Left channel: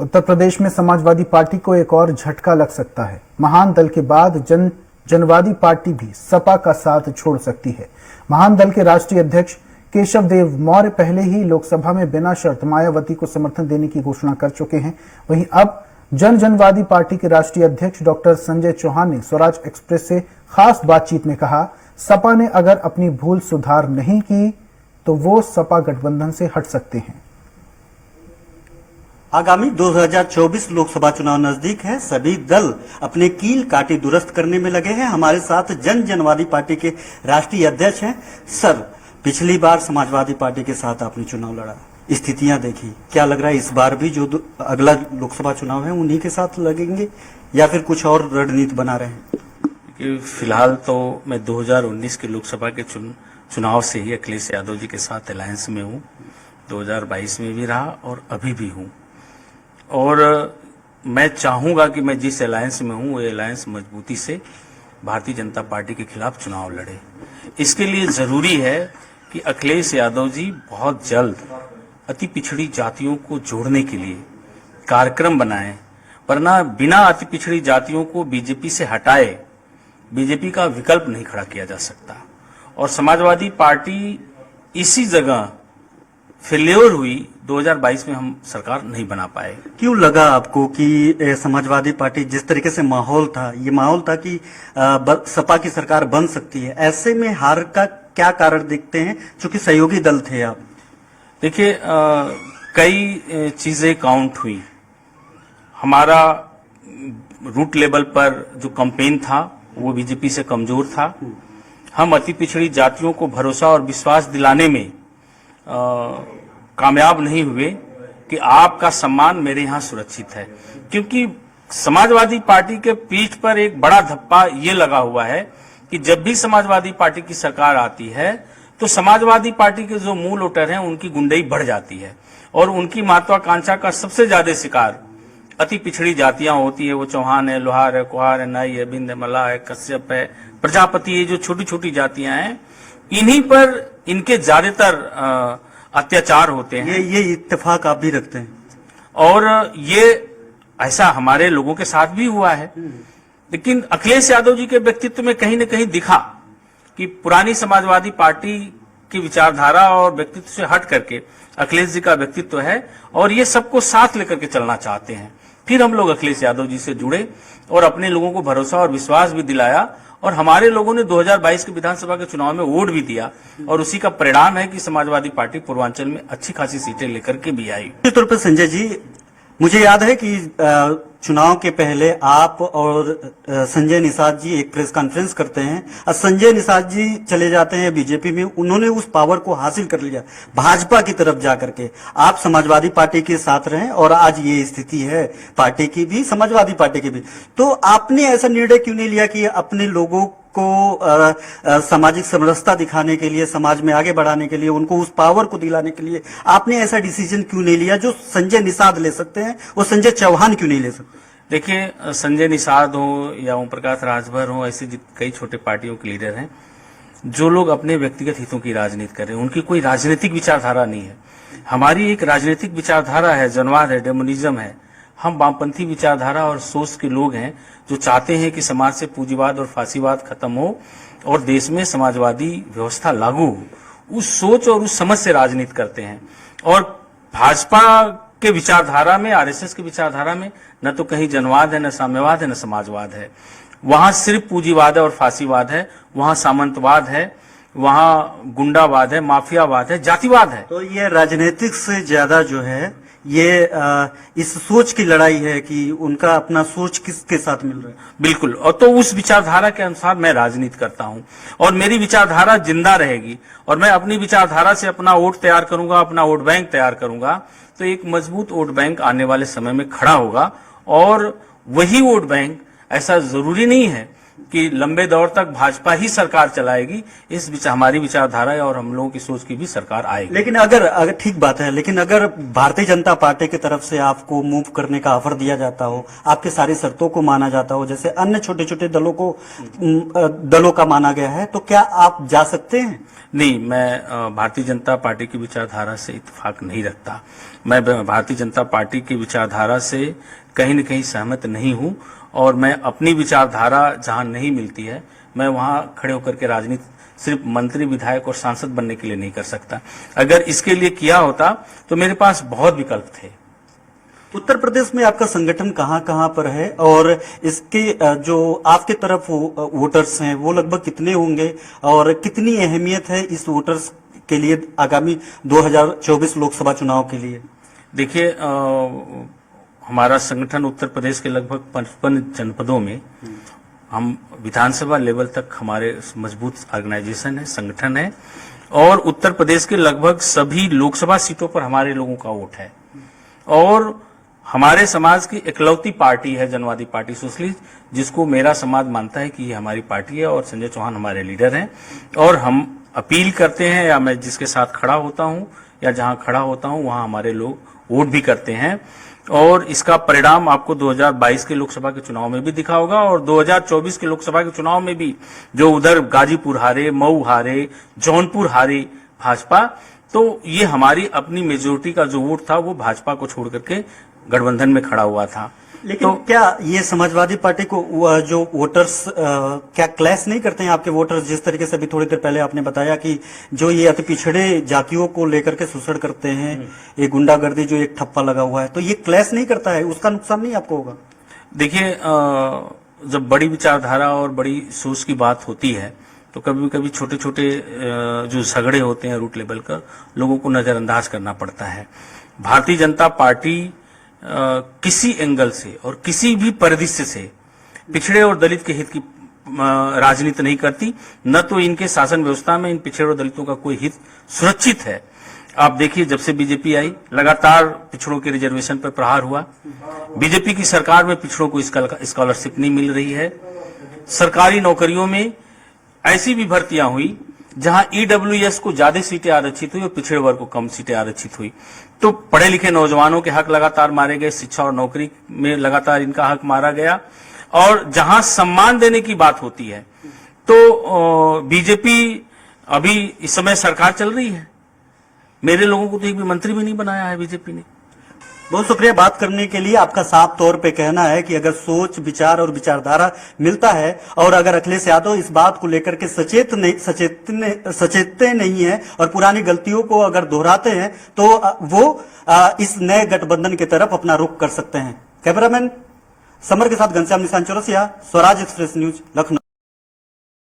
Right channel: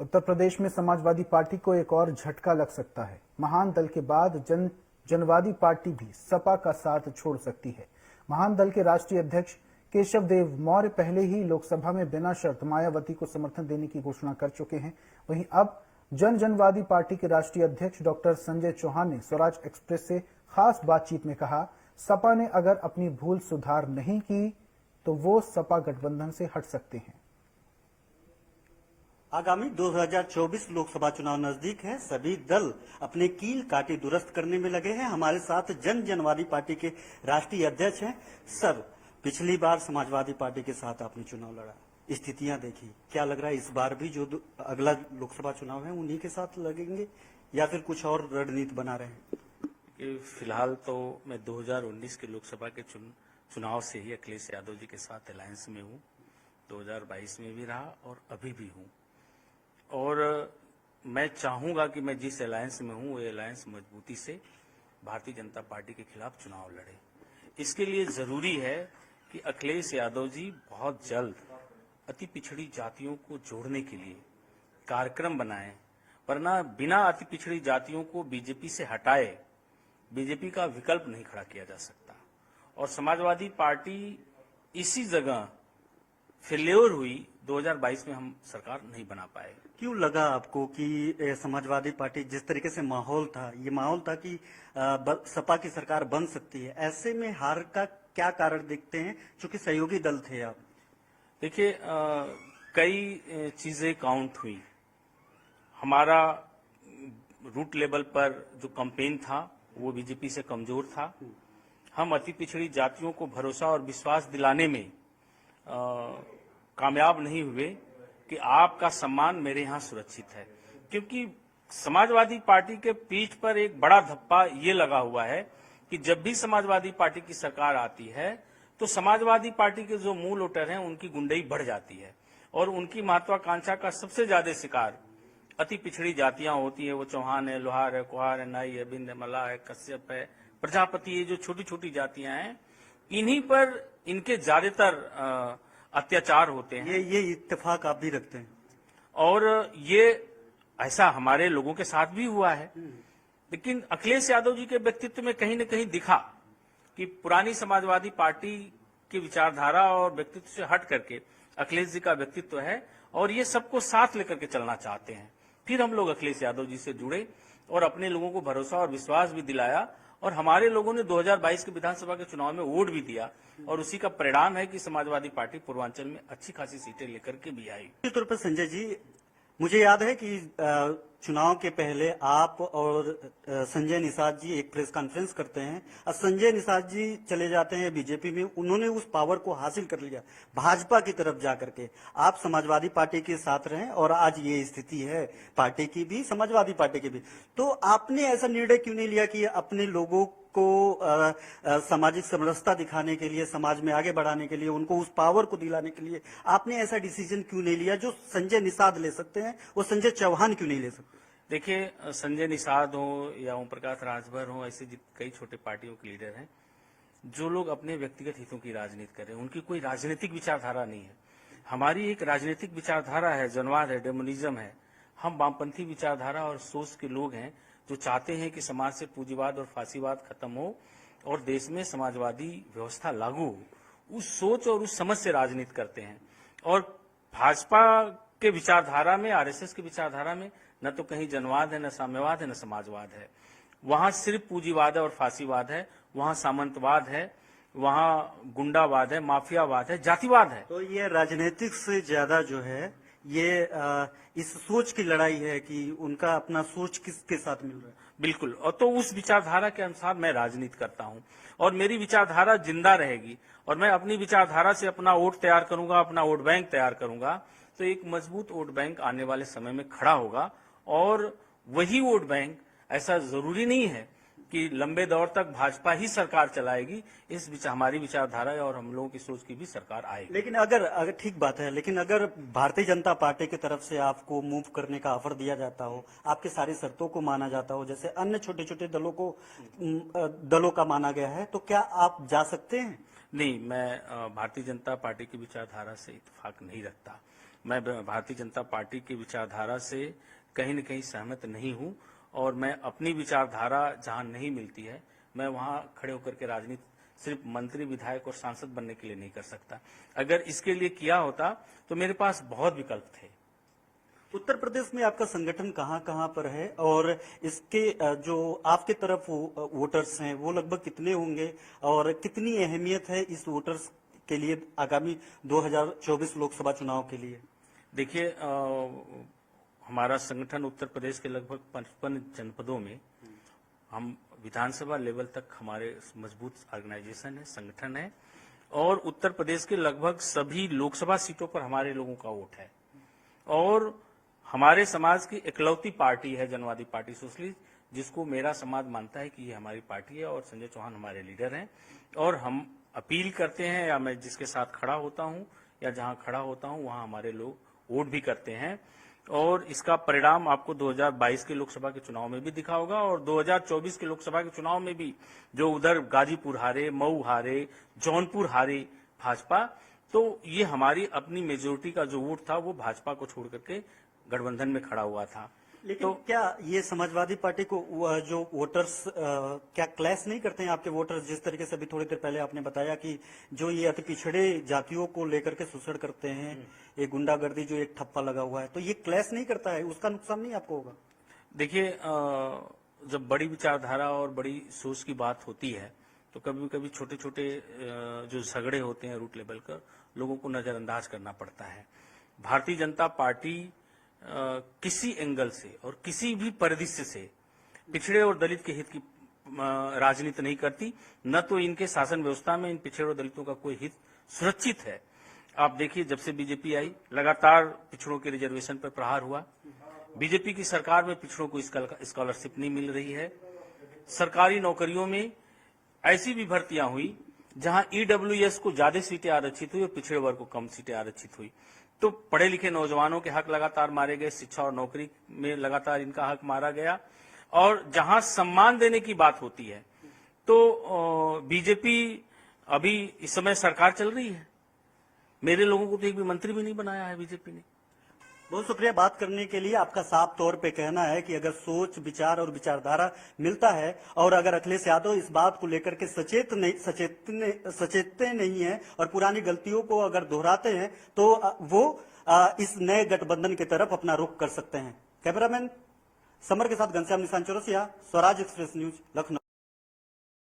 उत्तर प्रदेश में समाजवादी पार्टी को एक और झटका लग सकता है। महान दल के बाद जनवादी पार्टी भी सपा का साथ छोड़ सकती है। महान दल के राष्ट्रीय अध्यक्ष केशव देव मौर्य पहले ही लोकसभा में बिना शर्त मायावती को समर्थन देने की घोषणा कर चुके हैं। वहीं अब जनवादी पार्टी के राष्ट्रीय अध्यक्ष डॉक्टर संजय चौहान ने स्वराज एक्सप्रेस से खास बातचीत में कहा, सपा ने अगर अपनी भूल सुधार नहीं की तो वो सपा गठबंधन से हट सकते हैं। आगामी 2024 लोकसभा चुनाव नजदीक है। सभी दल अपने कील काटे दुरुस्त करने में लगे हैं। हमारे साथ जनवादी पार्टी के राष्ट्रीय अध्यक्ष हैं। सर, पिछली बार समाजवादी पार्टी के साथ आपने चुनाव लड़ा, स्थितियां देखी, क्या लग रहा है इस बार भी जो अगला लोकसभा चुनाव है उन्हीं के साथ लगेंगे या फिर कुछ और रणनीति बना रहे हैं? फिलहाल तो मैं 2019 के लोकसभा के चुनाव से ही अखिलेश यादव जी के साथ अलायंस में हूँ। 2022 में भी रहा और अभी भी हूँ, और मैं चाहूंगा कि मैं जिस अलायंस में हूँ वो अलायंस मजबूती से भारतीय जनता पार्टी के खिलाफ चुनाव लड़े। इसके लिए जरूरी है कि अखिलेश यादव जी बहुत जल्द अति पिछड़ी जातियों को जोड़ने के लिए कार्यक्रम बनाएं, वरना बिना अति पिछड़ी जातियों को बीजेपी से हटाए बीजेपी का विकल्प नहीं खड़ा किया जा सकता। और समाजवादी पार्टी इसी जगह फेल्योर हुई। 2022 में हम सरकार नहीं बना पाए। क्यों लगा आपको कि समाजवादी पार्टी जिस तरीके से माहौल था, ये माहौल था कि सपा की सरकार बन सकती है, ऐसे में हार का क्या कारण देखते हैं, चूंकि सहयोगी दल थे आप? देखिए, कई चीजें काउंट हुई। हमारा रूट लेवल पर जो कैंपेन था वो बीजेपी से कमजोर था। हम अति पिछड़ी जातियों को भरोसा और विश्वास दिलाने में कामयाब नहीं हुए कि आपका सम्मान मेरे यहाँ सुरक्षित है, क्योंकि समाजवादी पार्टी के पीठ पर एक बड़ा धप्पा ये लगा हुआ है कि जब भी समाजवादी पार्टी की सरकार आती है तो समाजवादी पार्टी के जो मूल वोटर हैं उनकी गुंडई बढ़ जाती है और उनकी महत्वाकांक्षा का सबसे ज्यादा शिकार अति पिछड़ी जातियां होती है। वो चौहान है, लोहार है, कुहार है, नाई है, बिंद है, मल्लाह है, कश्यप है, प्रजापति है, जो छोटी छोटी जातियां हैं, इन्हीं पर इनके ज्यादातर अत्याचार होते हैं। ये इत्तेफाक आप भी रखते हैं? और ये ऐसा हमारे लोगों के साथ भी हुआ है। लेकिन अखिलेश यादव जी के व्यक्तित्व में कहीं न कहीं दिखा कि पुरानी समाजवादी पार्टी की विचारधारा और व्यक्तित्व से हट करके अखिलेश जी का व्यक्तित्व है और ये सबको साथ लेकर के चलना चाहते हैं। फिर हम लोग अखिलेश यादव जी से जुड़े और अपने लोगों को भरोसा और विश्वास भी दिलाया, और हमारे लोगों ने 2022 के विधानसभा के चुनाव में वोट भी दिया, और उसी का परिणाम है कि समाजवादी पार्टी पूर्वांचल में अच्छी खासी सीटें लेकर के भी आई। निश्चित तौर पर संजय जी, मुझे याद है कि चुनाव के पहले आप और संजय निषाद जी एक प्रेस कॉन्फ्रेंस करते हैं और संजय निषाद जी चले जाते हैं बीजेपी में। उन्होंने उस पावर को हासिल कर लिया भाजपा की तरफ जाकर के। आप समाजवादी पार्टी के साथ रहे और आज ये स्थिति है पार्टी की भी, समाजवादी पार्टी की भी। तो आपने ऐसा निर्णय क्यों नहीं लिया कि अपने लोगों को सामाजिक समरसता दिखाने के लिए, समाज में आगे बढ़ाने के लिए, उनको उस पावर को दिलाने के लिए आपने ऐसा डिसीजन क्यों नहीं लिया जो संजय निषाद ले सकते हैं, वो संजय चौहान क्यों नहीं ले सकते? देखिए, संजय निषाद हो या ओम प्रकाश राजभर हो, ऐसे कई छोटे पार्टियों के लीडर हैं जो लोग अपने व्यक्तिगत हितों की राजनीति कर रहे हैं। उनकी कोई राजनीतिक विचारधारा नहीं है। हमारी एक राजनीतिक विचारधारा है, जनवाद है, डेमोनिज्म है। हम वामपंथी विचारधारा और सोच के लोग हैं जो चाहते हैं कि समाज से पूंजीवाद और फांसीवाद खत्म हो और देश में समाजवादी व्यवस्था लागू हो। उस सोच और उस समझ से राजनीति करते हैं। और भाजपा के विचारधारा में, आरएसएस की विचारधारा में न तो कहीं जनवाद है, न साम्यवाद है, न समाजवाद है। वहां सिर्फ पूंजीवाद है और फांसीवाद है, वहां सामंतवाद है, वहां गुंडावाद है, माफियावाद है, जातिवाद है। तो ये राजनीतिक से ज्यादा जो है ये इस सोच की लड़ाई है कि उनका अपना सोच किसके साथ मिल रहा है। बिल्कुल, और तो उस विचारधारा के अनुसार मैं राजनीति करता हूं और मेरी विचारधारा जिंदा रहेगी और मैं अपनी विचारधारा से अपना वोट तैयार करूंगा, अपना वोट बैंक तैयार करूंगा, तो एक मजबूत वोट बैंक आने वाले समय में खड़ा होगा। और वही वोट बैंक, ऐसा जरूरी नहीं है कि लंबे दौर तक भाजपा ही सरकार चलाएगी। हमारी विचारधारा और हम लोगों की सोच की भी सरकार आएगी। लेकिन अगर ठीक बात है, लेकिन अगर भारतीय जनता पार्टी की तरफ से आपको मूव करने का ऑफर दिया जाता हो, आपके सारी शर्तों को माना जाता हो, जैसे अन्य छोटे छोटे दलों का माना गया है, तो क्या आप जा सकते हैं? नहीं, मैं भारतीय जनता पार्टी की विचारधारा से इत्तेफाक नहीं रखता। मैं भारतीय जनता पार्टी की विचारधारा से कहीं न कहीं सहमत नहीं हूं और मैं अपनी विचारधारा जहां नहीं मिलती है मैं वहां खड़े होकर के राजनीति सिर्फ मंत्री, विधायक और सांसद बनने के लिए नहीं कर सकता। अगर इसके लिए किया होता तो मेरे पास बहुत विकल्प थे। उत्तर प्रदेश में आपका संगठन कहाँ कहाँ पर है और इसके जो आपके तरफ वोटर्स हैं वो लगभग कितने होंगे और कितनी अहमियत है इस वोटर्स के लिए आगामी 2024 लोकसभा चुनाव के लिए? देखिए, हमारा संगठन उत्तर प्रदेश के लगभग 55 जनपदों में, हम विधानसभा लेवल तक हमारे मजबूत ऑर्गेनाइजेशन है, संगठन है और उत्तर प्रदेश के लगभग सभी लोकसभा सीटों पर हमारे लोगों का वोट है और हमारे समाज की इकलौती पार्टी है जनवादी पार्टी सोशलिस्ट, जिसको मेरा समाज मानता है कि ये हमारी पार्टी है और संजय चौहान हमारे लीडर हैं और हम अपील करते हैं या मैं जिसके साथ खड़ा होता हूं या जहां खड़ा होता हूं वहां हमारे लोग वोट भी करते हैं और इसका परिणाम आपको 2022 के लोकसभा के चुनाव में भी दिखा होगा और 2024 के लोकसभा के चुनाव में भी जो उधर गाजीपुर हारे, मऊ हारे, जौनपुर हारे भाजपा, तो ये हमारी अपनी मेजोरिटी का जो वोट था वो भाजपा को छोड़ करके गठबंधन में खड़ा हुआ था। लेकिन क्या ये समाजवादी पार्टी को जो वोटर्स क्या क्लैश नहीं करते हैं आपके वोटर्स? जिस तरीके से अभी थोड़ी देर पहले आपने बताया कि जो ये अति पिछड़े जातियों को लेकर के शोषण करते हैं, ये गुंडागर्दी जो एक ठप्पा लगा हुआ है, तो ये क्लैश नहीं करता है? उसका नुकसान नहीं आपको होगा? देखिए, जब बड़ी विचारधारा और बड़ी सोच की बात होती है तो कभी कभी छोटे छोटे जो झगड़े होते हैं रूट लेवल का, लोगों को नजरअंदाज करना पड़ता है। भारतीय जनता पार्टी किसी एंगल से और किसी भी परिदृश्य से पिछड़े और दलित के हित की राजनीति नहीं करती, न तो इनके शासन व्यवस्था में इन पिछड़े और दलितों का कोई हित सुरक्षित है। आप देखिए, जब से बीजेपी आई लगातार पिछड़ों के रिजर्वेशन पर प्रहार हुआ। बीजेपी की सरकार में पिछड़ों को स्कॉलरशिप नहीं मिल रही है। सरकारी नौकरियों में ऐसी भी भर्तियां हुई जहां ईडब्ल्यूएस को ज्यादा सीटें आरक्षित हुई और पिछड़े वर्ग को कम सीटें आरक्षित हुई। तो पढ़े लिखे नौजवानों के हक लगातार मारे गए, शिक्षा और नौकरी में लगातार इनका हक मारा गया और जहां सम्मान देने की बात होती है तो बीजेपी अभी इस समय सरकार चल रही है। मेरे लोगों को तो एक भी मंत्री भी नहीं बनाया है बीजेपी ने। बहुत शुक्रिया बात करने के लिए। आपका साफ तौर पे कहना है कि अगर सोच, विचार और विचारधारा मिलता है और अगर अखिलेश यादव इस बात को लेकर के सचेतते नहीं है और पुरानी गलतियों को अगर दोहराते हैं तो वो इस नए गठबंधन की तरफ अपना रुख कर सकते हैं। कैमरामैन समर के साथ घनश्याम निशान चौरसिया, स्वराज एक्सप्रेस न्यूज, लखनऊ।